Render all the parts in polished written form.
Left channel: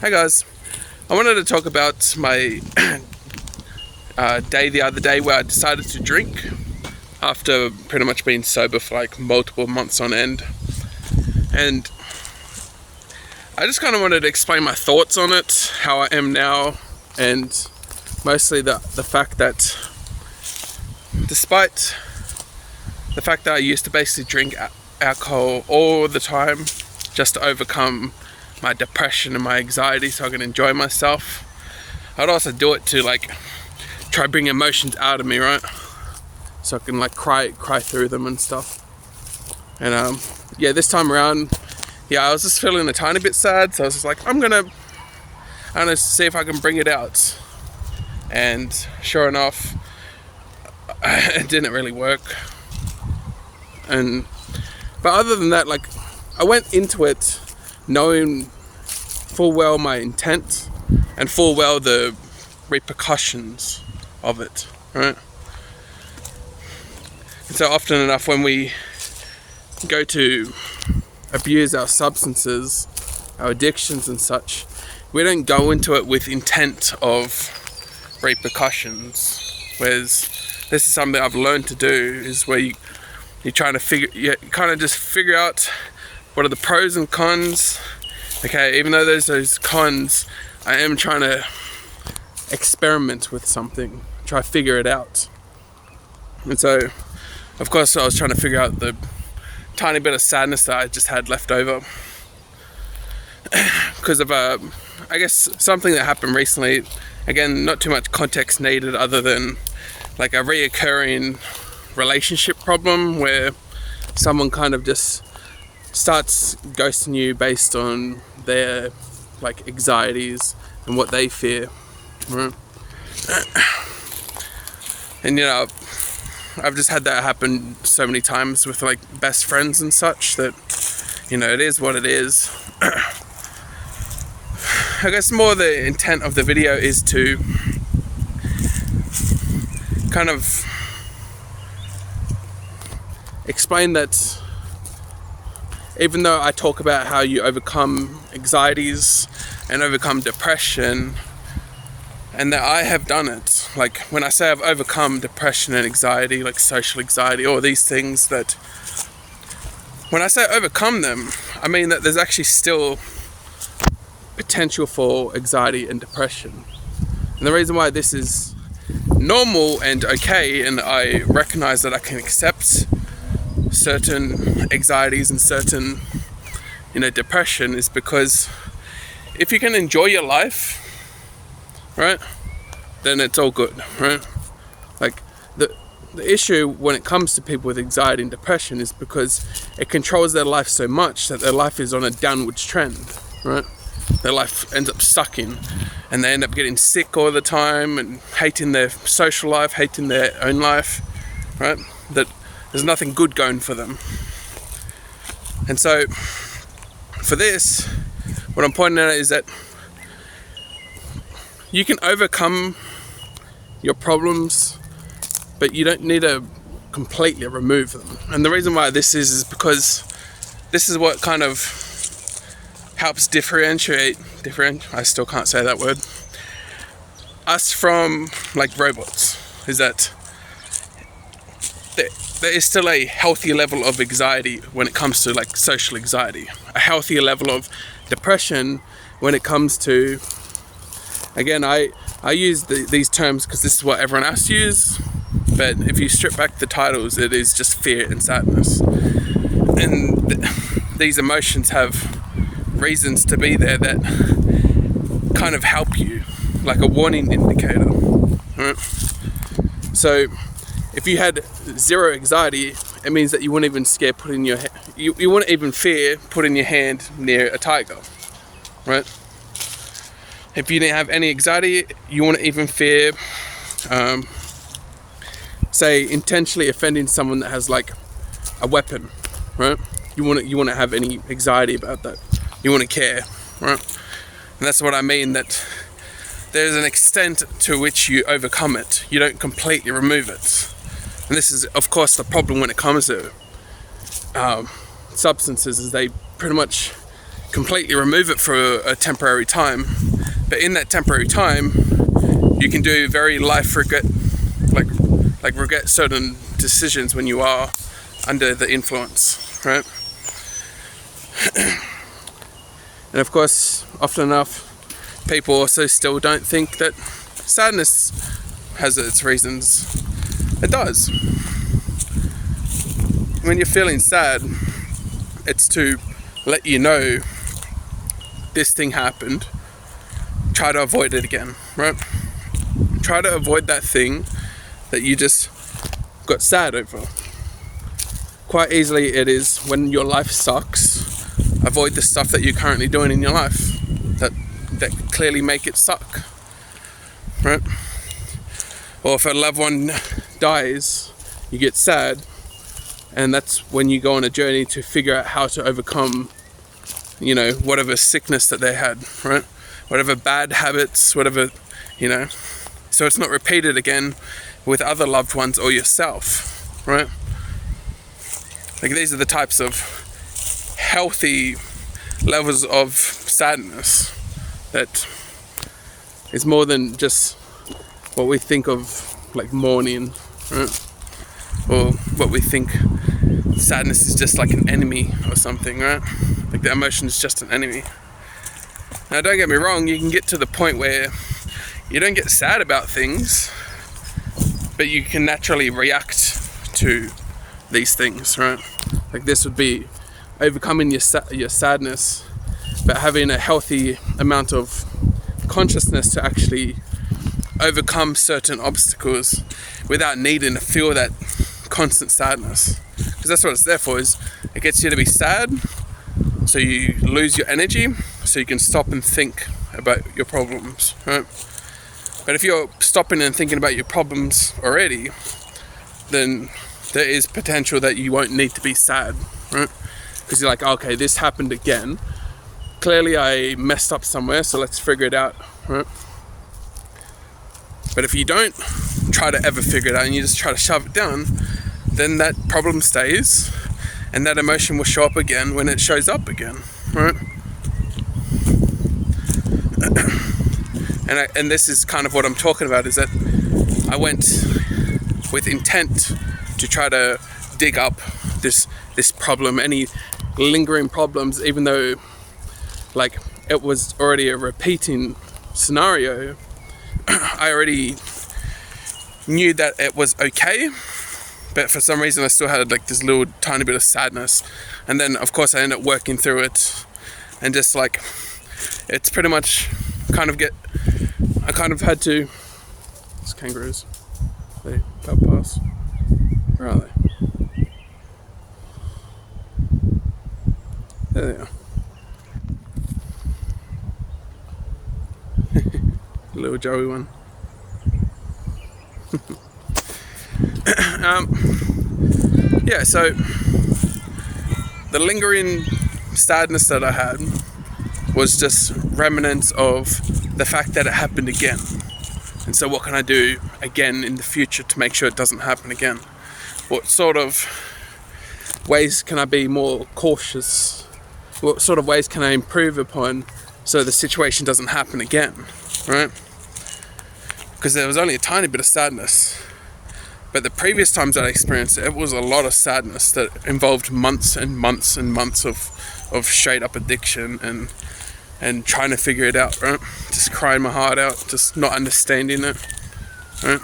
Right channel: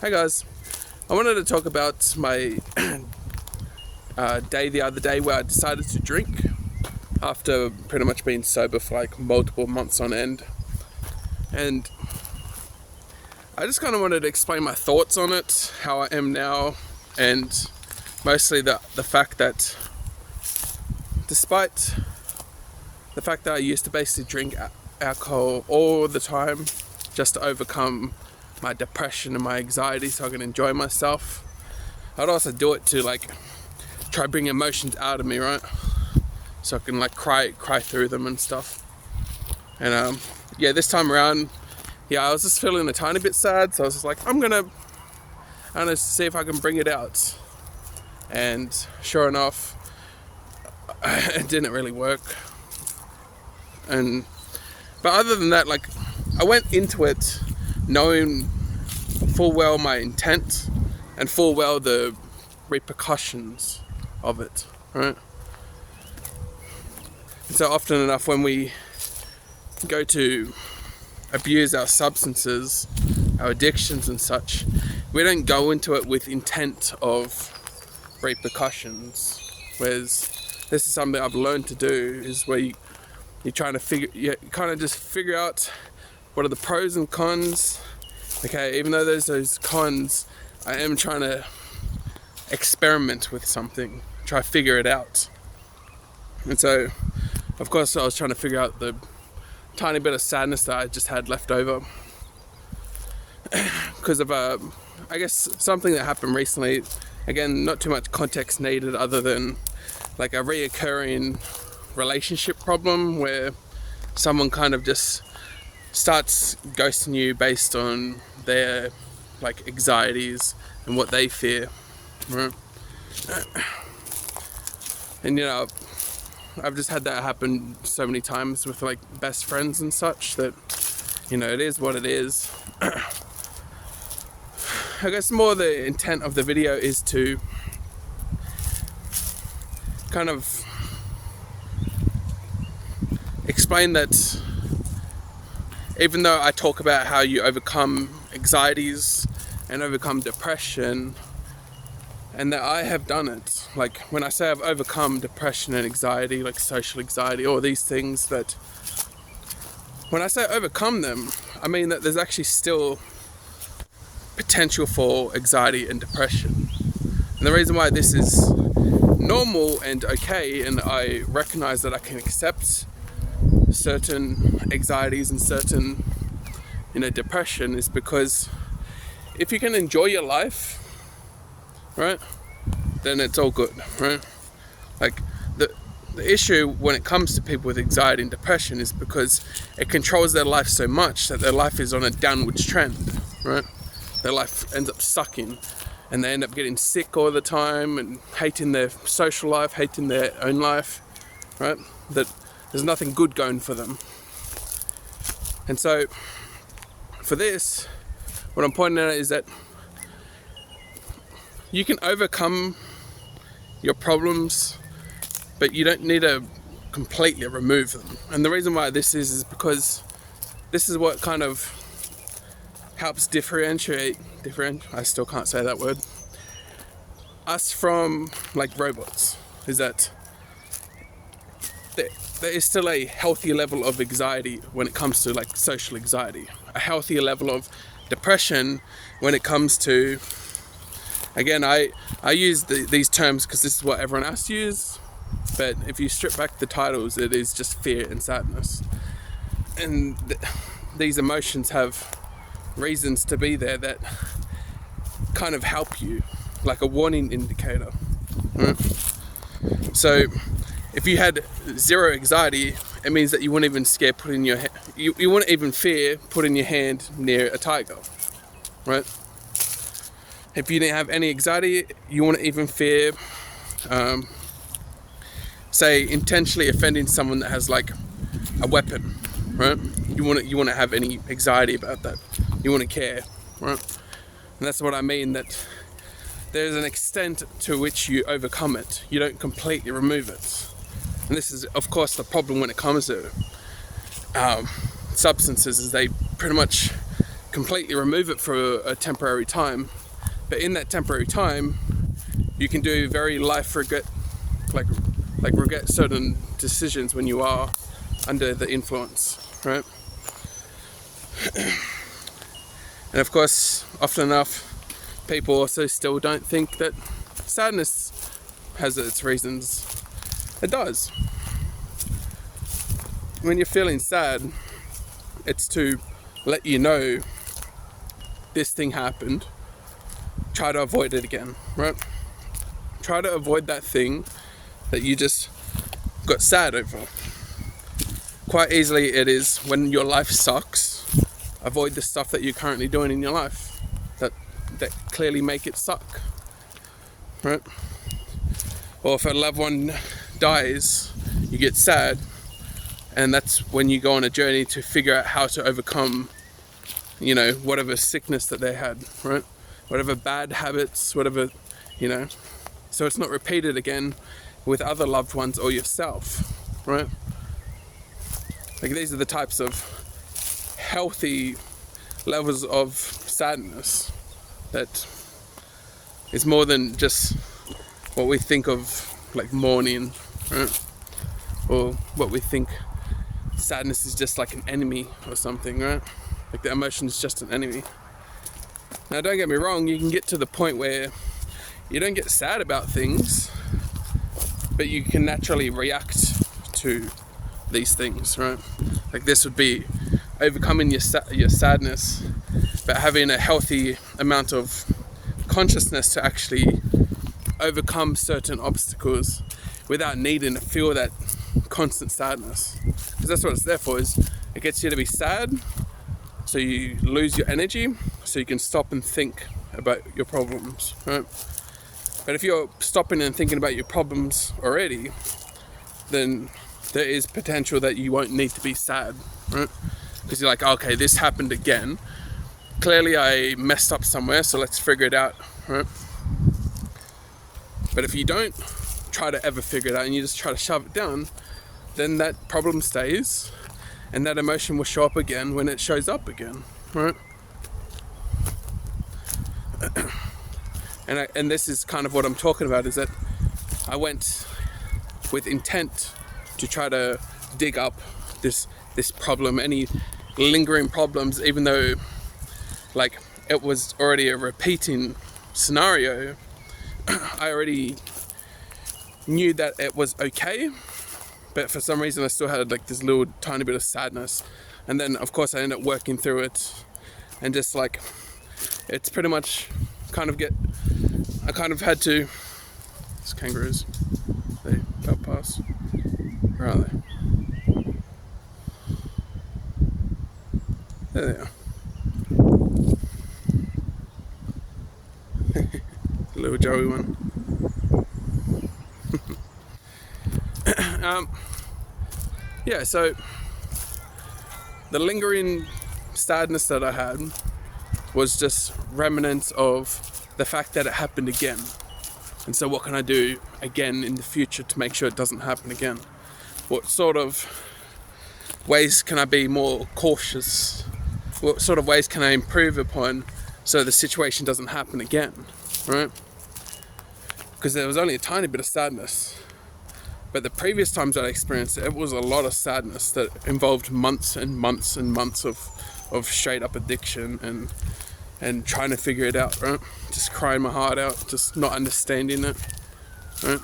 Hi guys, I wanted to talk about my day the other day where I decided to drink after pretty much being sober for like multiple months on end. And I just kind of wanted to explain my thoughts on it, how I am now, and mostly the fact that despite the fact that I used to basically drink alcohol all the time just to overcome my depression and my anxiety so I can enjoy myself, I'd also do it to like try bring emotions out of me, right? So I can like cry through them and stuff. And this time around, I was just feeling a tiny bit sad, so I was just like, I'm gonna see if I can bring it out. And sure enough, it didn't really work. But other than that, like, I went into it knowing full well my intent and full well the repercussions of it, right? And so often enough when we go to abuse our substances, our addictions and such, we don't go into it with intent of repercussions. Whereas this is something I've learned to do, is where you're trying to you kind of just figure out what are the pros and cons. Okay, even though there's those cons, I am trying to experiment with something, try to figure it out. And so, of course, I was trying to figure out the tiny bit of sadness that I just had left over because of I guess something that happened recently. Again, not too much context needed other than like a reoccurring relationship problem where someone kind of just starts ghosting you based on their like anxieties and what they fear, right? And I've just had that happen so many times with like best friends and such that it is what it is. I guess more the intent of the video is to kind of explain that even though I talk about how you overcome anxieties and overcome depression, and that I have done it, like when I say I've overcome depression and anxiety, like social anxiety, all these things, that when I say overcome them, I mean that there's actually still potential for anxiety and depression. And the reason why this is normal and okay, and I recognize that I can accept certain anxieties and certain depression, is because if you can enjoy your life, right, then it's all good, right? Like the issue when it comes to people with anxiety and depression is because it controls their life so much that their life is on a downwards trend, right? Their life ends up sucking and they end up getting sick all the time and hating their social life, hating their own life, right? That there's nothing good going for them. And so for this, what I'm pointing out is that you can overcome your problems, but you don't need to completely remove them. And the reason why this is because this is what kind of helps differentiate, I still can't say that word, us from like robots, is that there is still a healthy level of anxiety when it comes to like social anxiety, a healthier level of depression when it comes to, again, I use these terms because this is what everyone else uses, but if you strip back the titles, it is just fear and sadness. And these emotions have reasons to be there that kind of help you, like a warning indicator, right? So if you had zero anxiety, it means that you wouldn't even you wouldn't even fear putting your hand near a tiger, right? If you didn't have any anxiety, you wouldn't even fear, say, intentionally offending someone that has like a weapon, right? You wouldn't have any anxiety about that. You wouldn't care, right? And that's what I mean, that there's an extent to which you overcome it. You don't completely remove it. And this is, of course, the problem when it comes to substances, is they pretty much completely remove it for a temporary time, but in that temporary time you can do very life regret, like regret certain decisions when you are under the influence, right? And of course, often enough, people also still don't think that sadness has its reasons. It does. When you're feeling sad, it's to let you know this thing happened. Try to avoid it again, right? Try to avoid that thing that you just got sad over. Quite easily it is when your life sucks. Avoid the stuff that you're currently doing in your life that clearly make it suck, right? Or if a loved one dies, you get sad, and that's when you go on a journey to figure out how to overcome, you know, whatever sickness that they had, right? Whatever bad habits, whatever, you know, so it's not repeated again with other loved ones or yourself, right? Like, these are the types of healthy levels of sadness that is more than just what we think of like mourning, right? Or what we think sadness is just like an enemy or something, right? Like the emotion is just an enemy. Now, don't get me wrong, you can get to the point where you don't get sad about things, but you can naturally react to these things, right? Like, this would be overcoming your sadness, but having a healthy amount of consciousness to actually overcome certain obstacles without needing to feel that constant sadness. Because that's what it's there for, is it gets you to be sad, so you lose your energy, so you can stop and think about your problems, right? But if you're stopping and thinking about your problems already, then there is potential that you won't need to be sad, right? Because you're like, okay, this happened again. Clearly I messed up somewhere, so let's figure it out, right? But if you don't try to ever figure it out and you just try to shove it down, then that problem stays, and that emotion will show up again when it shows up again, right? And this is kind of what I'm talking about, is that I went with intent to try to dig up this problem, any lingering problems, even though like it was already a repeating scenario. I already knew that it was okay, but for some reason I still had like this little tiny bit of sadness. And then of course I ended up working through it, and just like, it's pretty much I kind of had to, it's kangaroos, they cut past, where are they? There they are. Little Joey one. Yeah, so the lingering sadness that I had was just remnants of the fact that it happened again. And so what can I do again in the future to make sure it doesn't happen again? What sort of ways can I be more cautious? What sort of ways can I improve upon so the situation doesn't happen again, right? Because there was only a tiny bit of sadness. But the previous times I experienced it, it was a lot of sadness that involved months and months and months of straight up addiction and trying to figure it out, right? Just crying my heart out, just not understanding it, right?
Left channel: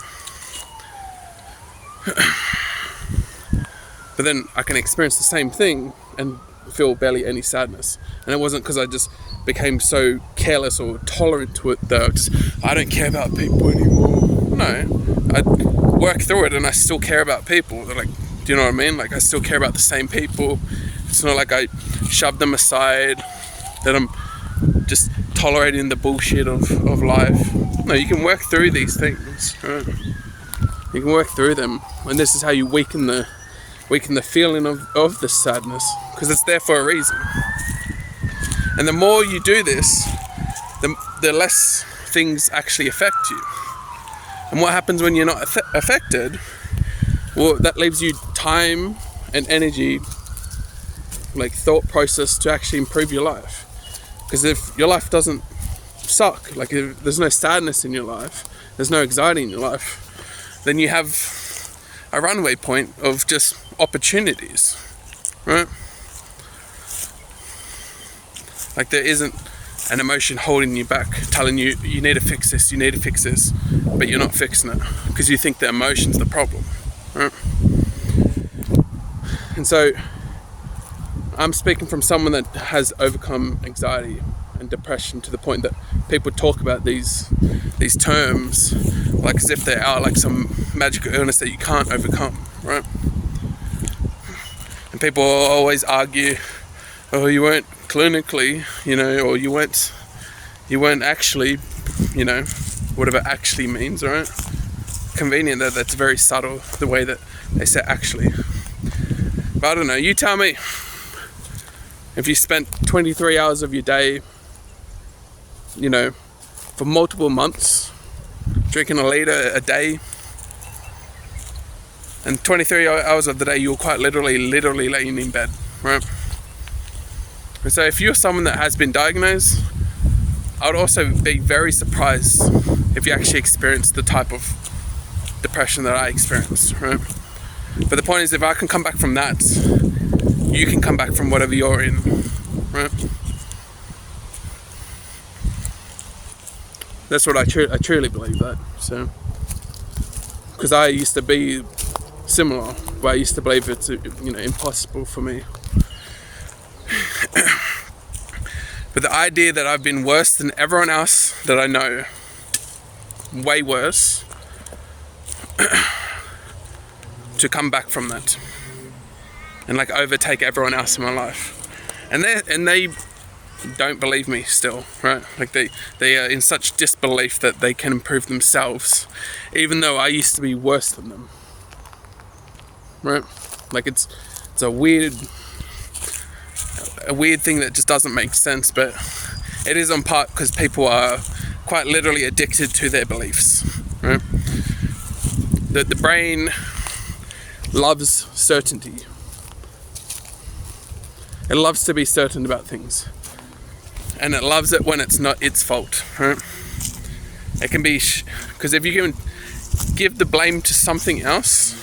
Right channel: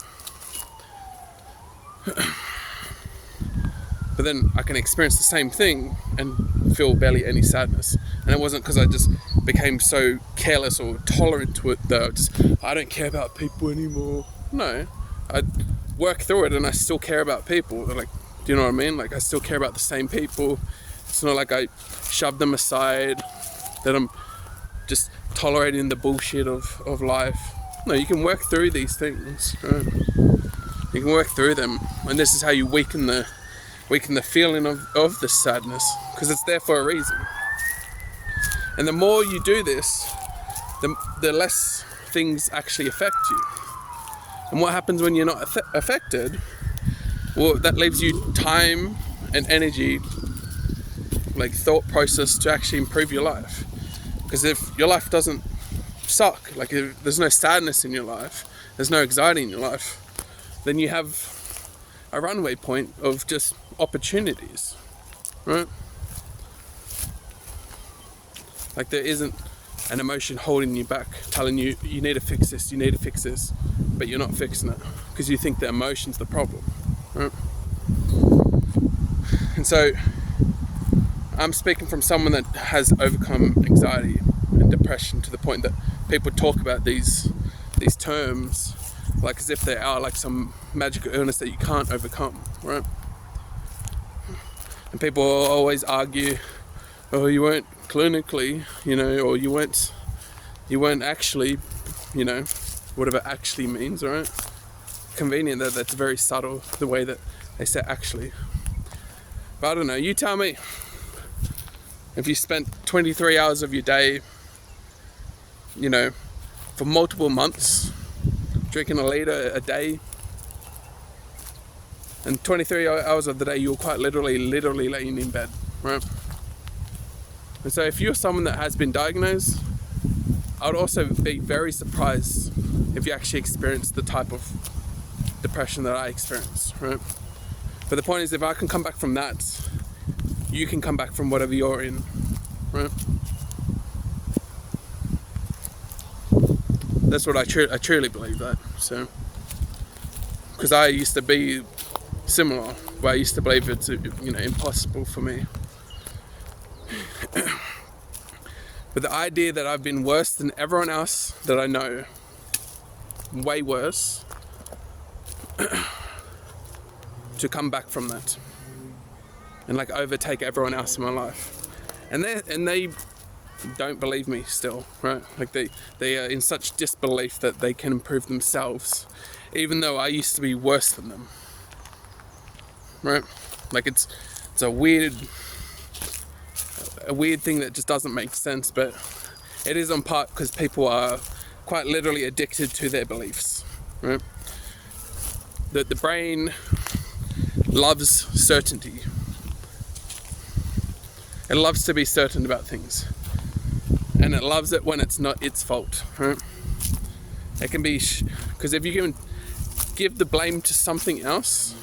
But then I can experience the same thing and feel barely any sadness. And it wasn't because I just became so careless or tolerant to it that I don't care about people anymore. No, I work through it and I still care about people. Like, do you know what I mean? Like, I still care about the same people. It's not like I shove them aside, that I'm just tolerating the bullshit of life. No, you can work through these things, right? You can work through them, and this is how you weaken the feeling of the sadness, because it's there for a reason. And the more you do this, the less things actually affect you. And what happens when you're not affected? Well, that leaves you time and energy, like thought process, to actually improve your life. Because if your life doesn't suck, like if there's no sadness in your life, there's no anxiety in your life, then you have a runway point of just opportunities, right? Like there isn't an emotion holding you back, telling you you need to fix this, you need to fix this, but you're not fixing it because you think the emotion's the problem, right? And so I'm speaking from someone that has overcome anxiety and depression to the point that people talk about these terms like as if they are like some magical illness that you can't overcome, right? And people always argue, oh, you weren't clinically, or you weren't actually, whatever actually means, right? Convenient that that's very subtle, the way that they say actually. But I don't know, you tell me, if you spent 23 hours of your day, for multiple months, drinking a liter a day, and 23 hours of the day you're quite literally laying in bed, right? And so if you're someone that has been diagnosed, I would also be very surprised if you actually experienced the type of depression that I experienced, right? But the point is, if I can come back from that, you can come back from whatever you're in, right? That's what I truly believe that. So, because I used to be similar, where I used to believe it's impossible for me. But the idea that I've been worse than everyone else that I know, way worse, to come back from that and like overtake everyone else in my life, and they don't believe me still, right? Like they are in such disbelief that they can improve themselves, even though I used to be worse than them, right? Like it's a weird thing that just doesn't make sense, but it is on part because people are quite literally addicted to their beliefs, right? The brain loves certainty. It loves to be certain about things, and it loves it when it's not its fault, right? It can be because if you can give the blame to something else,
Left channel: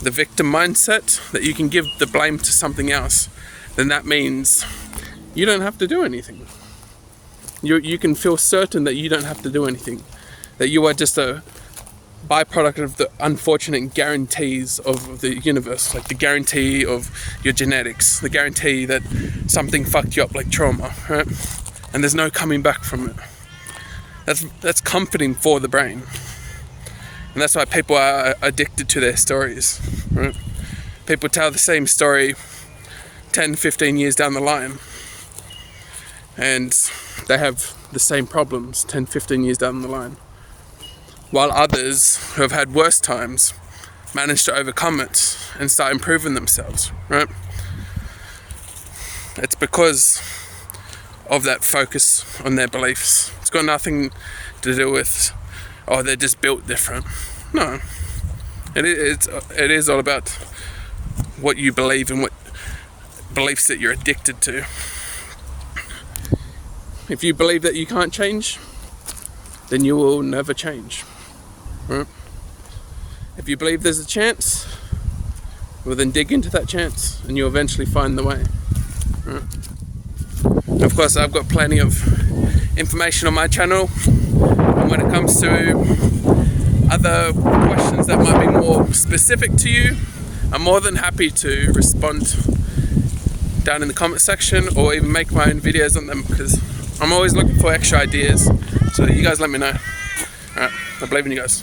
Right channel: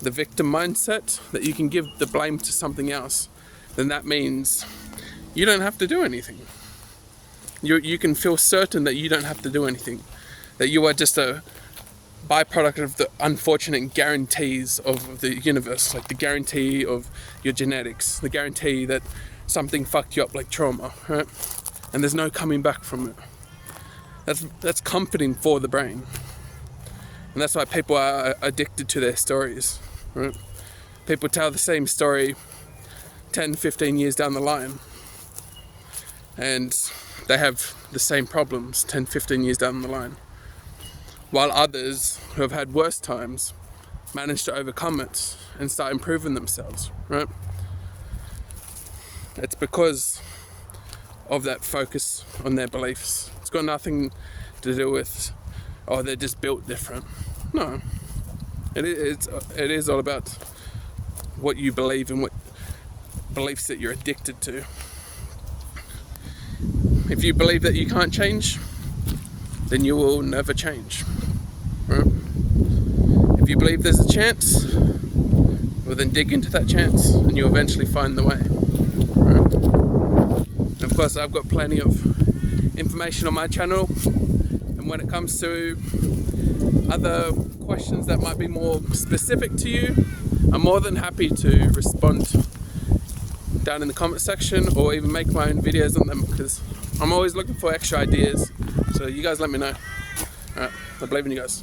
the victim mindset, that you can give the blame to something else, then that means you don't have to do anything. You can feel certain that you don't have to do anything, that you are just a byproduct of the unfortunate guarantees of the universe, like the guarantee of your genetics, the guarantee that something fucked you up like trauma, right? And there's no coming back from it. That's comforting for the brain. And that's why people are addicted to their stories, right? People tell the same story 10, 15 years down the line, and they have the same problems 10, 15 years down the line. While others who have had worse times manage to overcome it and start improving themselves, right? It's because of that focus on their beliefs. It's got nothing to do with, oh, they're just built different. No. It is all about what you believe and what beliefs that you're addicted to. If you believe that you can't change, then you will never change. Right? If you believe there's a chance, well then dig into that chance and you'll eventually find the way. Right? And of course, I've got plenty of information on my channel, and when it comes to other questions that might be more specific to you, I'm more than happy to respond down in the comment section, or even make my own videos on them, because I'm always looking for extra ideas. So you guys let me know. Alright, I believe in you guys.